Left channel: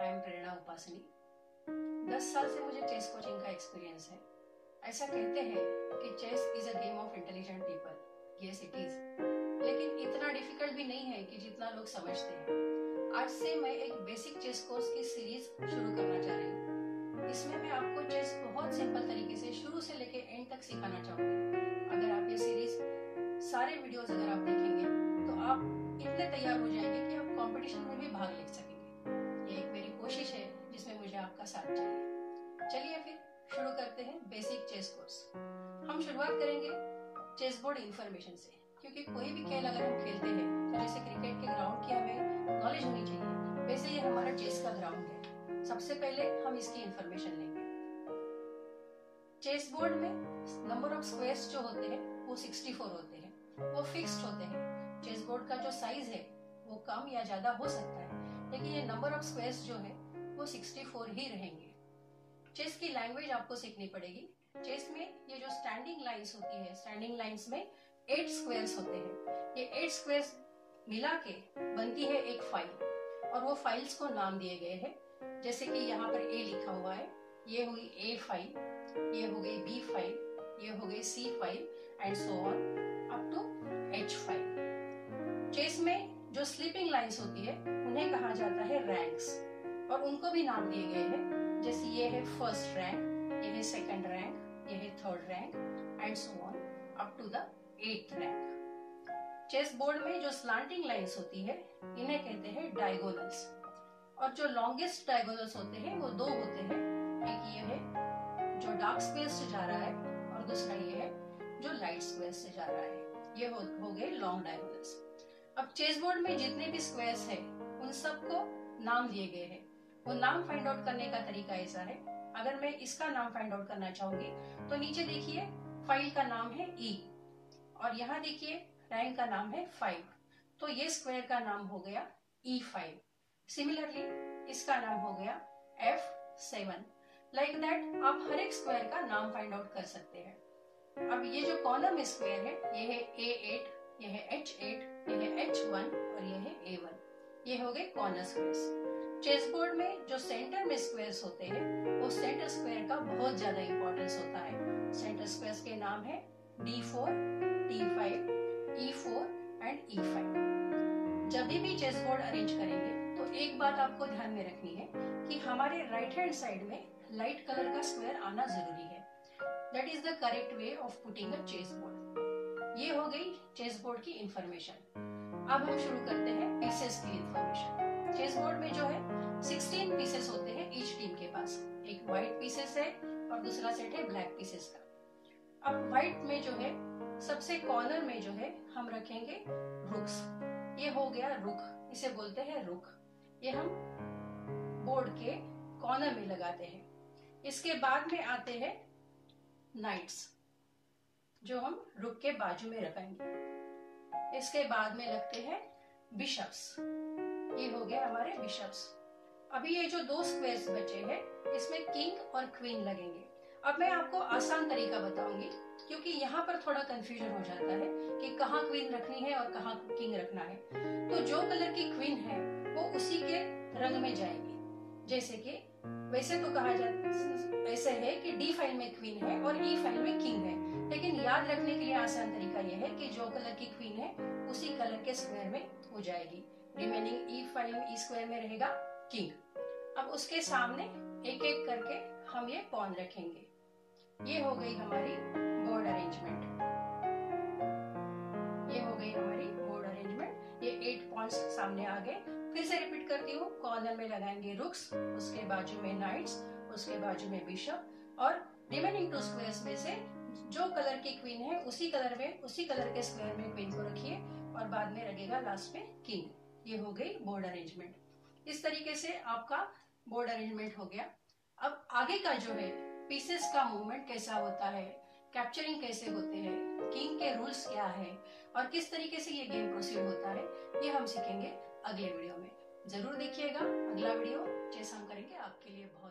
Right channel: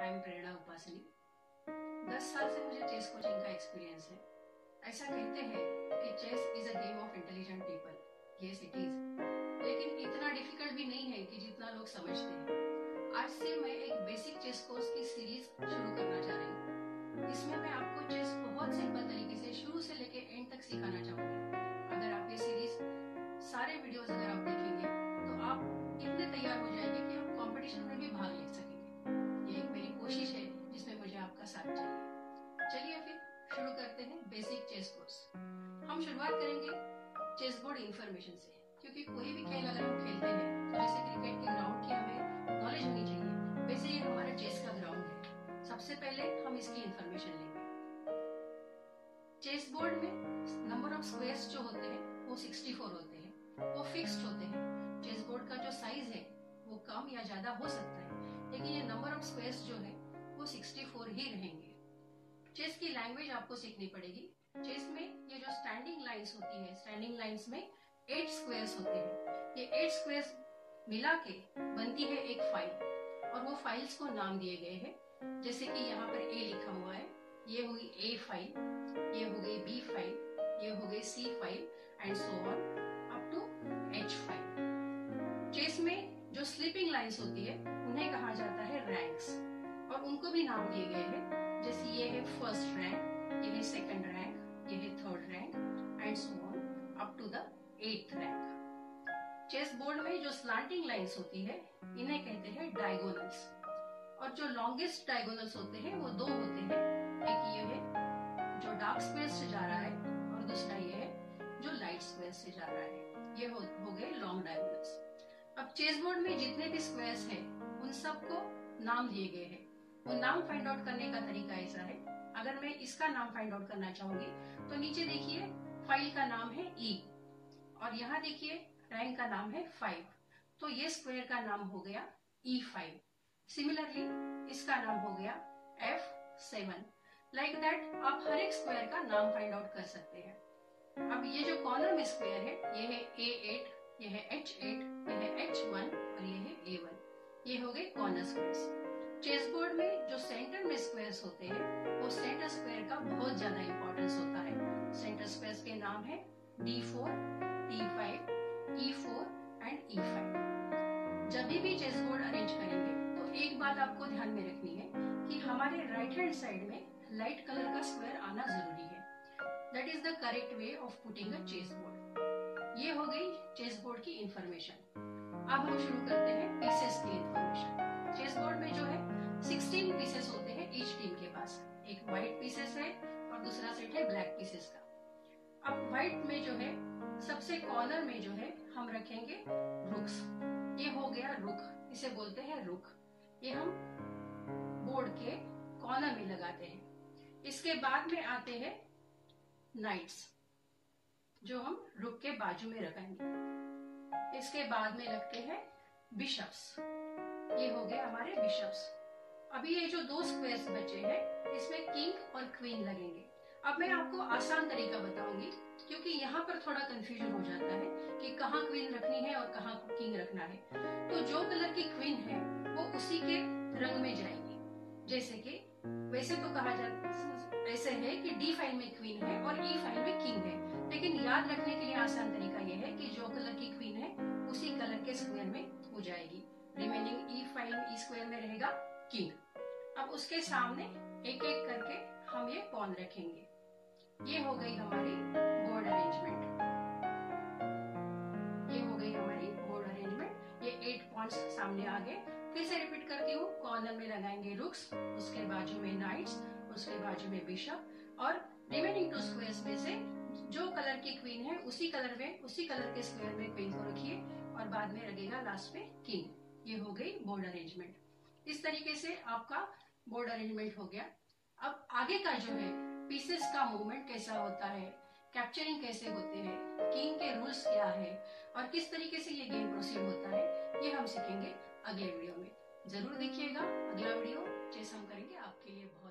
I am प्रेरणा उपासनी। 10 साल से मुझे चेस कोचिंग का एक्सपीरियंस है। ऐसा कहते हैं कि chess is a game of intelligent people. Yes it is, लेकिन इतना डिफिकल्ट भी नहीं है कि जितना लोग समझते हैं। आज से मैं एक बेसिक चेस कोर्स की सीरीज शुरू करना चाह रही हूँ। इसमें मैं आपको चेस बहुत सिंपल तरीके से शुरू से लेकर एंड तक सिखाना चाहूंगी। अगर आप ये सीरीज सारे वीडियोस अगर आप देखेंगे तो आप इतने तैयार हो जाएंगे कि आप कंपटीशन में भी भाग ले सकेंगे। ये एक मेरी कोशिश है जिसमें मुझे आपका साथ चाहिए। चलिए फिर शुरू करते हैं बेसिक चेस कोर्स। हम शुरुआत करेंगे चेस बोर्ड इन्फॉर्मेशन से, क्योंकि कोई भी खेल अगर हम खेलते हैं तो जैसे क्रिकेट के ग्राउंड की हमें नॉलेज होनी चाहिए, वैसे ये हमारा चेस का ग्राउंड है। सबसे पहले हम इसकी इन्फॉर्मेशन लेंगे। चेस बोर्ड में नंबर ऑफ स्क्वायर्स जो होते हैं वो 64 होते हैं, वो फिक्स्ड होते हैं। चेस बोर्ड का जो साइज है वो कम या ज्यादा हो सकता है, लेकिन ये नंबर ऑफ स्क्वायर्स जो है वो 64 ही रहेंगे। चेस की लैंग्वेज आपको सीखनी पड़ेगी। चेस में ये जो स्टैंडिंग लाइंस होती है, स्टैंडिंग लाइंस में 8 स्क्वायर्स होते हैं। ये 8 स्क्वायर्स मिला के बनती है एक फाइल, और वो फाइल्स को नाम दिए गए हैं। जैसे कि यहाँ पर ए लिखा हुआ है, ये हुई ए फाइल, ये हो गई बी फाइल, ये हो गई C file and so on up to H file. Chess में जो स्लीपिंग लाइंस होती है उन्हें कहा जाता है रैंक्स, और उनको भी नाम दिए गए हैं। जैसे ये है फर्स्ट रैंक, ये है सेकंड रैंक, ये है third rank and so on up to the 8th rank. Chess board में जो स्लांटिंग लाइंस होती है इन्हें कहते हैं डायगोनल्स, और जो लॉन्गेस्ट डायगोनल्स होते हैं वो 2 होते हैं। एक ये है जो डार्क स्क्वायर से जा रहा है, और दूसरा ये है जो लाइट स्क्वायर से जा रहा है। ये हो गए लॉन्ग डायगोनल्स। अब चेस बोर्ड में जितने भी स्क्वायर्स हैं उन सबको नाम दिए गए हैं। वो नाम फाइंड आउट करने का तरीका ऐसा है। अगर मैं इसका नाम फाइंड आउट करना चाहूंगी तो नीचे देखिए फाइल का नाम है ई, और यहाँ देखिए रैंक का नाम है 5, तो ये स्क्वायर का नाम हो गया E5। सिमिलरली इसका नाम हो गया F7। लाइक दैट आप हर एक स्क्वायर का नाम फाइंड आउट कर सकते हैं। अब ये जो कॉर्नर में स्क्वायर है ये है A8, ये है H8, ये है H1 और ये है A1। ये हो गए कॉर्नर स्क्वायर्स। चेस बोर्ड में जो सेंटर में स्क्वायर्स होते हैं वो सेंटर स्क्वायर का बहुत ज्यादा इंपॉर्टेंस होता है। सेंटर स्क्वायर्स के नाम है D4, T5, E4 and E5। जब भी चेस बोर्ड अरेंज करेंगे तो एक बात आपको ध्यान में रखनी है कि हमारे राइट हैंड साइड में लाइट कलर का स्क्वायर आना जरूरी है। That is the correct way of putting a chess board. ये हो गई चेस बोर्ड की इंफॉर्मेशन। अब हम शुरू करते हैं पीसेस की इंफॉर्मेशन। चेस बोर्ड में जो है 16 पीसेस होते हैं ईच टीम के पास। एक व्हाइट पीसेस है और दूसरा सेट है ब्लैक पीसेस का। अब व्हाइट में जो है सबसे कॉर्नर में जो है हम रखेंगे रुक्स। ये हो गया रुक, इसे बोलते हैं रुक। ये हम बोर्ड के कॉर्नर में लगाते हैं। इसके बाद में आते हैं नाइट्स, जो हम रुक के बाजू में रखेंगे। इसके बाद में लगते हैं बिशप्स। ये हो गए हमारे बिशप्स। अभी ये जो 2 स्क्वायर्स बचे हैं इसमें किंग और क्वीन लगेंगे। अब मैं आपको आसान तरीका बताऊंगी, क्योंकि यहाँ पर थोड़ा कंफ्यूजन हो जाता है कि कहाँ क्वीन रखनी है और कहाँ किंग रखना है। तो जो कलर की क्वीन है वो उसी के रंग में जाएगी। जैसे कि वैसे तो कहा जाता ऐसे है कि डी फाइल में क्वीन है और ई फाइल में किंग है, लेकिन याद रखने के लिए आसान तरीका यह है कि जो कलर की क्वीन है उसी कलर के स्क्वायर में हो जाएगी। रिमेनिंग ई फाइल ई स्क्वायर में रहेगा किंग। अब उसके सामने एक एक करके हम ये पॉन रखेंगे। ये हो गई हमारी बोर्ड अरेंजमेंट। ये हो गई हमारी बोर्ड अरेंजमेंट। ये 8 पॉइंट्स सामने आ गए। फिर से रिपीट करती हूँ। कॉर्नर में लगाएंगे रुक्स, उसके बाजू में नाइट्स, उसके बाजू में बिशप, और रिमेनिंग 2 स्क्वायर्स में से जो कलर की क्वीन है उसी कलर के स्क्वायर में क्वीन को रखिए, और बाद में लगेगा लास्ट में किंग। ये हो गई बोर्ड अरेंजमेंट। इस तरीके से आपका बोर्ड अरेंजमेंट हो गया। अब आगे का जो है पीसेस का मूवमेंट कैसा होता है, कैप्चरिंग कैसे होते हैं, किंग के रूल्स क्या है, और किस तरीके से ये गेम प्रोसीड होता है, ये हम सीखेंगे अगले वीडियो में। जरूर देखिएगा अगला वीडियो। चेस हम करेंगे आपके लिए बहुत